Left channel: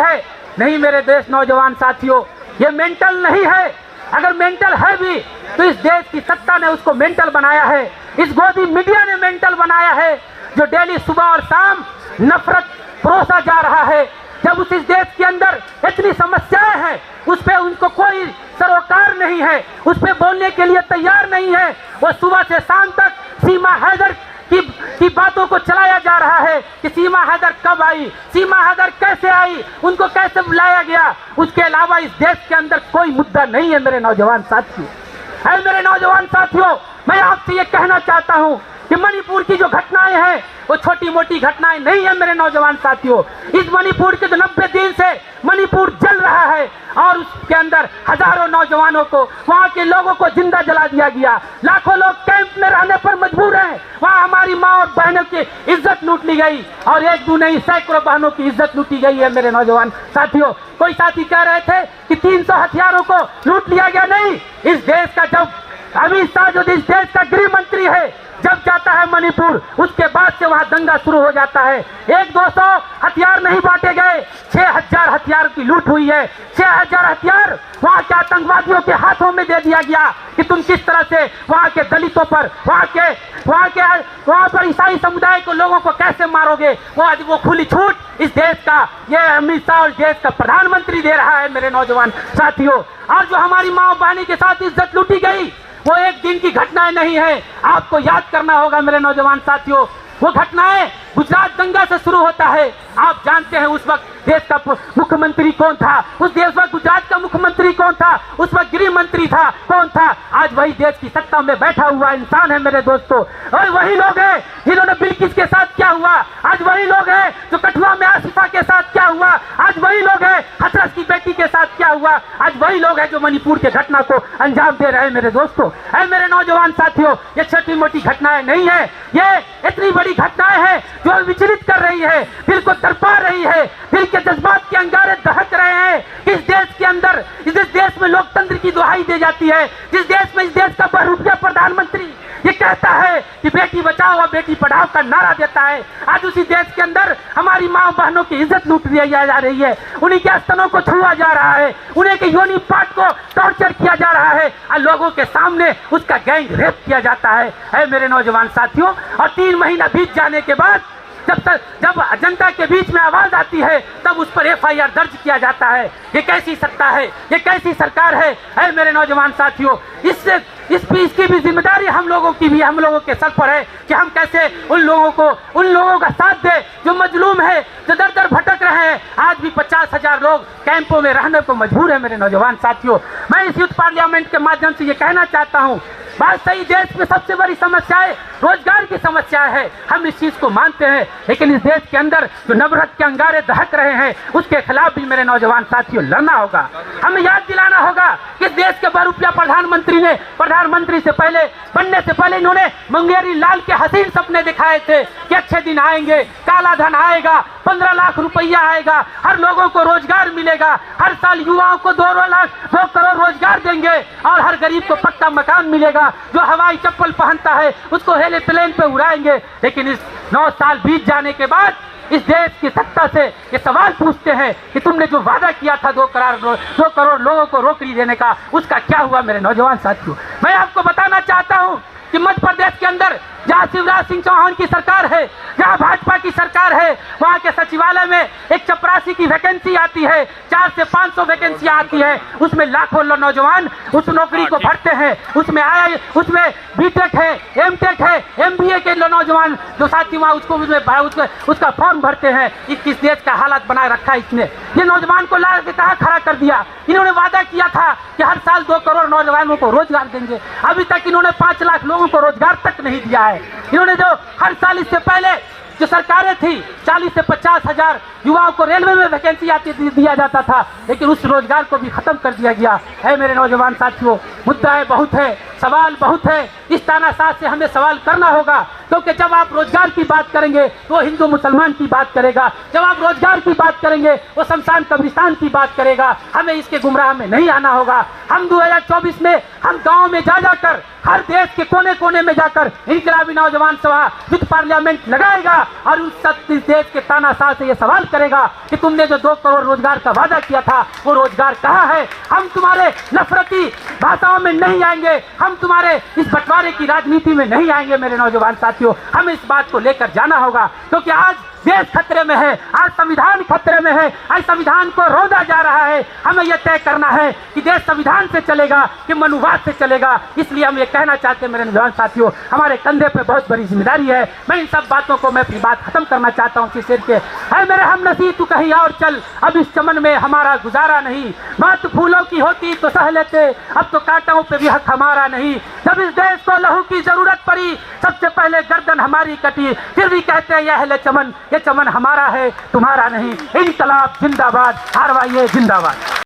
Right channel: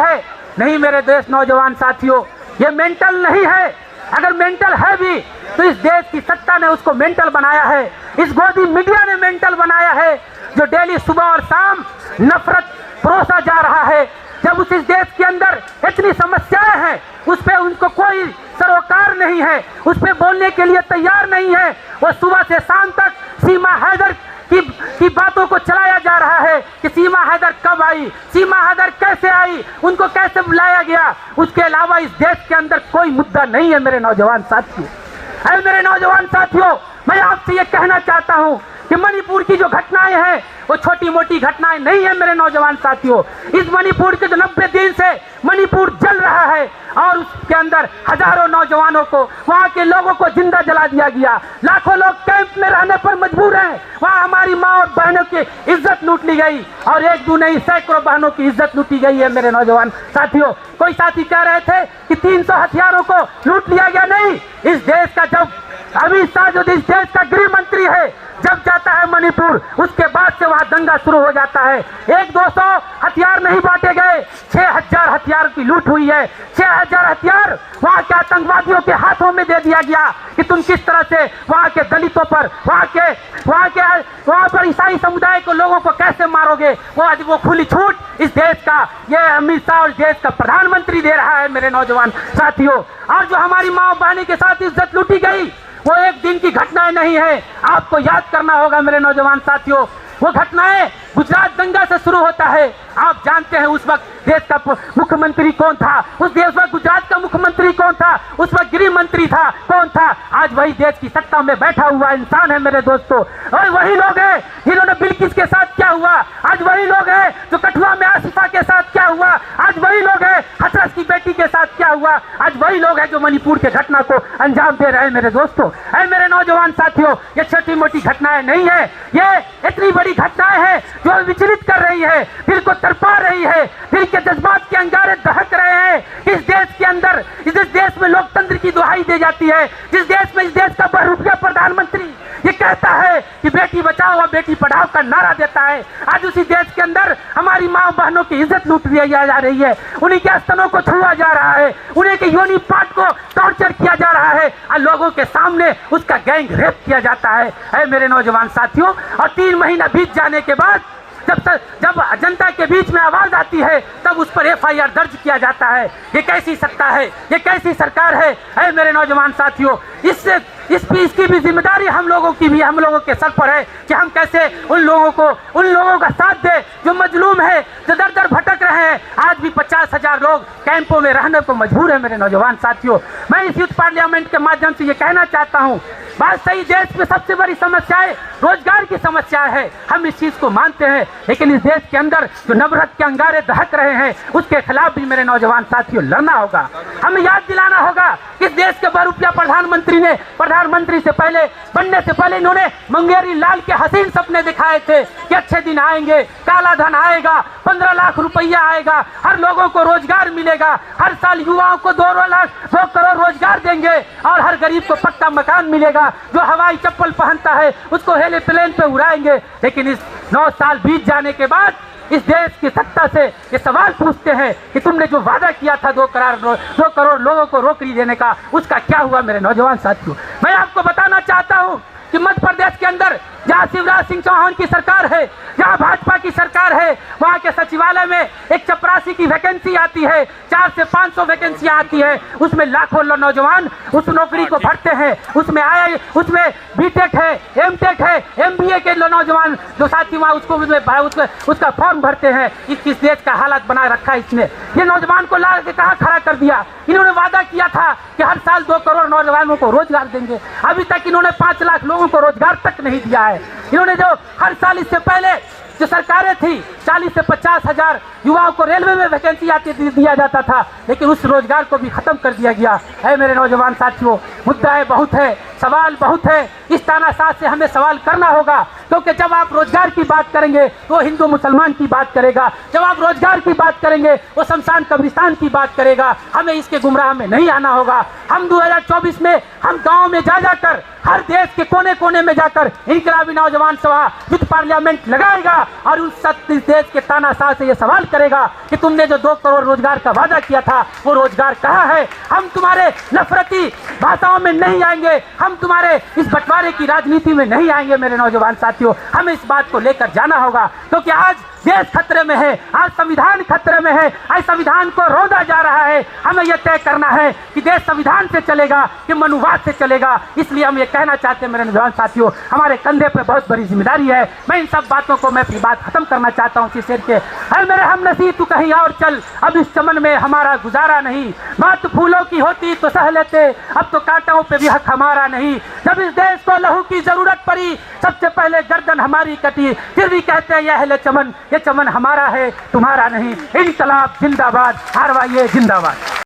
Mental है। नहीं मेरे देश नौजवान साथियों, ये मेंटल नहीं है। अगर मेंटल है भी तो इस देश की सत्ता ने उसको मेंटल बनाया है, इस गोदी मीडिया ने मेंटल बनाया है, जो डेली सुबह और शाम नफरत परोसा जा रहा है। जब उस इस देश के अंदर इतनी समस्याएं हैं, उस पे उनको कोई सरोकार नहीं है, उस पे बोलने के लिए तैयार नहीं है। वो सुबह से शाम तक सीमा हैदर की बातों को चलाया जा रहा है कि सीमा हैदर कब आई, सीमा हैदर कैसे आई, उनको कैसे बुलाया गया। उसके अलावा इस देश के अंदर कोई मुद्दा नहीं है मेरे नौजवान साथियों। मेरे नौजवान साथियों, मैं आपसे ये कहना चाहता हूँ कि मणिपुर की जो घटनाएं हैं वो छोटी मोटी घटनाएं नहीं है मेरे नौजवान साथियों। इस मणिपुर के जो 90 दिन से मणिपुर जल रहा है और उसके अंदर हजारों नौजवानों को, वहाँ के लोगों को जिंदा जला दिया गया। लाखों लोग कैंप में रहने पर मजबूर हैं। वहाँ हमारी माँ और बहनों की इज्जत लूट ली गई और एक दो नहीं सैकड़ों बहनों की इज्जत लूटी गई है मेरे नौजवान साथियों। कोई साथी कह रहे थे कि 300 हथियारों को लूट लिया गया। नहीं, इस देश का जब अमित शाह जो इस देश का गृह मंत्री है, जब जाता है मणिपुर, उसके बाद से वहां दंगा शुरू हो जाता है। 100-200 हथियार नहीं बांटे गए, 6000 हथियार की लूट हुई है। 6000 हथियार वहां के आतंकवादियों के हाथों में दे दिया गया कि तुम किस तरह से वहां के दलितों पर, वहां पर ईसाई समुदाय को, लोगों को कैसे मारोगे। वो आज वो खुली छूट इस देश का ये अमित शाह और देश का प्रधानमंत्री दे रहा है मेरे नौजवान साथियों। और जो हमारी माँ बहनी के साथ इज्जत लूटी गई वो एक दिन की घटनाएं नहीं है। आपको याद करना होगा मेरे नौजवान साथियों, वो घटनाएं गुजरात दंगा से शुरू होता है। आप जानते हैं उस वक्त देश का मुख्यमंत्री कौन था, उस देश में गुजरात का मुख्यमंत्री कौन था, उस वक्त गृह मंत्री था कौन था। आज वही देश की सत्ता में बैठा हुआ इंसान है मेरे दोस्तों। और वही लोग हैं जिन्होंने बिल्किस के साथ क्या हुआ, आज वही लोग हैं जो कठुआ में आसिफा के साथ क्या हुआ, आज वही लोग हैं हथरस की बेटी के साथ क्या हुआ, आज वही लोग हैं जो मणिपुर के घटना को अंजाम दे रहे हैं मेरे दोस्तों। मेरे नौजवान साथियों, ये छोटी मोटी घटनाएं नहीं है, ये इतनी बड़ी घटनाएं हैं जो विचलित कर रही है, दिल को तड़पा रही है, दिल के जज्बात के अंगारे दहक रहे हैं। इस देश के अंदर, इस देश में लोकतंत्र की दुहाई दी जाती है, जिस देश में इस देश का बहुरूपिया प्रधानमंत्री ये कहता है कि बेटी बचाओ और बेटी पढ़ाओ का नारा देता है, आज उसी देश के अंदर हमारी माँ बहनों की इज्जत लूट ली जा रही है, उन्हीं के स्तनों को छुआ जा रहा है, उन्हीं के योनि पार्ट को टॉर्चर किया जा रहा है और लोगों के सामने उसका गैंग रेप किया जाता है मेरे नौजवान साथियों। और 3 महीना बीत जाने के बाद जब जनता के बीच में आवाज आती है तब उस पर FIR दर्ज किया जाता है। ये कैसी सत्ता है, ये कैसी सरकार है मेरे नौजवान साथियों। इसकी भी जिम्मेदारी हम लोगों के सर पर है कि हम कैसे उन लोगों का साथ दे जो मजलूम है, जो दर दर भटक रहे हैं। आज भी 50,000 लोग कैंपों में रहने को मजबूर है मेरे नौजवान साथियों। मैं इस यूथ पार्लियामेंट के माध्यम से ये कहना चाहता हूँ, बात सही, देश में सबसे बड़ी समस्या है रोजगार की समस्या है, हम इस चीज को मानते हैं, लेकिन इस देश के अंदर जो नफरत के अंगारे दहक रहे हैं उसके खिलाफ भी मेरे नौजवान साथियों लड़ना होगा। हमें याद दिलाना होगा कि इस देश के बहुरूपिया प्रधानमंत्री से पहले बनने से पहले इन्होंने मुंगेरी लाल के हसीन सपने दिखाए थे कि अच्छे दिन आएंगे, काला धन आएगा, 15 लाख रुपया आएगा, हर लोगों को रोजगार मिलेगा, हर साल युवाओं को 2 करोड़ रोजगार देंगे और हर गरीब को पक्का मकान मिलेगा, जो हवाई चप्पल पहनता है उसको हेलीप्लेन पे उड़ाएंगे। लेकिन इस 9 साल बीत जाने के बाद इस देश की सत्ता से ये सवाल पूछते हैं कि तुमने जो वादा किया था 2 करोड़ लोगों को नौकरी देने का, उसका क्या हुआ मेरे नौजवान साथियों। मैं आपको बताना चाहता हूँ कि मध्य प्रदेश के अंदर जहाँ शिवराज सिंह चौहान की सरकार है, जहाँ भाजपा की सरकार है, वहाँ के सचिवालय में एक चपरासी की वैकेंसी आती है, 400 से 500 वैकेंसी आती है, उसमें लाखों नौजवान उस नौकरी को भरते हैं। उसमें बीटेक है, एमटेक है, MBA के नौजवान जो साथी वहाँ उसका फॉर्म भरते हैं। इस देश का हालत बना रखा है इसने। ये नौजवान को ला के कहाँ खड़ा कर दिया। इन्होंने वादा किया था कि हर साल 2 करोड़ नौजवानों को रोजगार देंगे, अभी तक इन्होंने 5 लाख लोगों को रोजगार तक नहीं दिया है। इन्होंने जो हर साल इससे पहले जो सरकारें थी 40 से 50 हजार युवाओं को रेलवे में वैकेंसी आती दिया जाता था, लेकिन उस रोजगार को भी खत्म कर दिया गया है मेरे नौजवान साथियों। मुद्दाएं बहुत है, सवाल बहुत है, इस तानाशाह से हमें सवाल करना होगा, क्योंकि जब आप रोजगार की बात करेंगे तो हिंदू मुसलमान की बात करेगा, जब आप रोजगार की बात करेंगे वो शमशान कब्रिस्तान की बात करेगा। हमें इसके गुमराह में नहीं आना होगा। हम 2024 में हम गाँव में जाकर, हर देश के कोने कोने में जाकर इनकलाबी नौजवान सभा विद पार्लियामेंट लगाएगा और उस सत्य देश के तानाशाह से ये सवाल करेगा कि तुमने जो 2 करोड़ रोजगार का वादा किया था वो रोजगार कहाँ है। हम तुम्हारे नफरती भाषाओं में नहीं आएंगे, हम तुम्हारे इस बंटवारे की राजनीति में नहीं आएंगे मेरे नौजवान साथियों। हमें इस बात को लेकर जाना होगा, क्योंकि आज देश खतरे में है, आज संविधान खतरे में है, आज संविधान को रोंदा जा रहा है। हमें यह तय करना है कि देश संविधान से चलेगा कि मनुवाद से चलेगा। इसलिए हम ये कहना चाहते हैं मेरे नौजवान साथियों, हमारे कंधे पे बहुत बड़ी जिम्मेदारी है। मैं इन सब बातों को मैं अपनी बात खत्म करना चाहता हूँ। शेर के अरे मेरे हमनसीब तू कहीं और चल, अब इस चमन में हमारा गुजारा नहीं। बात फूलों की होती तो सह लेते, अब तो कांटों पे भी हक हमारा नहीं। जब इस देश को लहू की जरूरत पड़ी सबसे पहले गर्दन हमारी कटी, फिर भी कहते हैं यह ले चमन, ये चमन हमारा है तुम्हारा नहीं। इनकलाब जिंदाबाद, आरवाईए जिंदाबाद।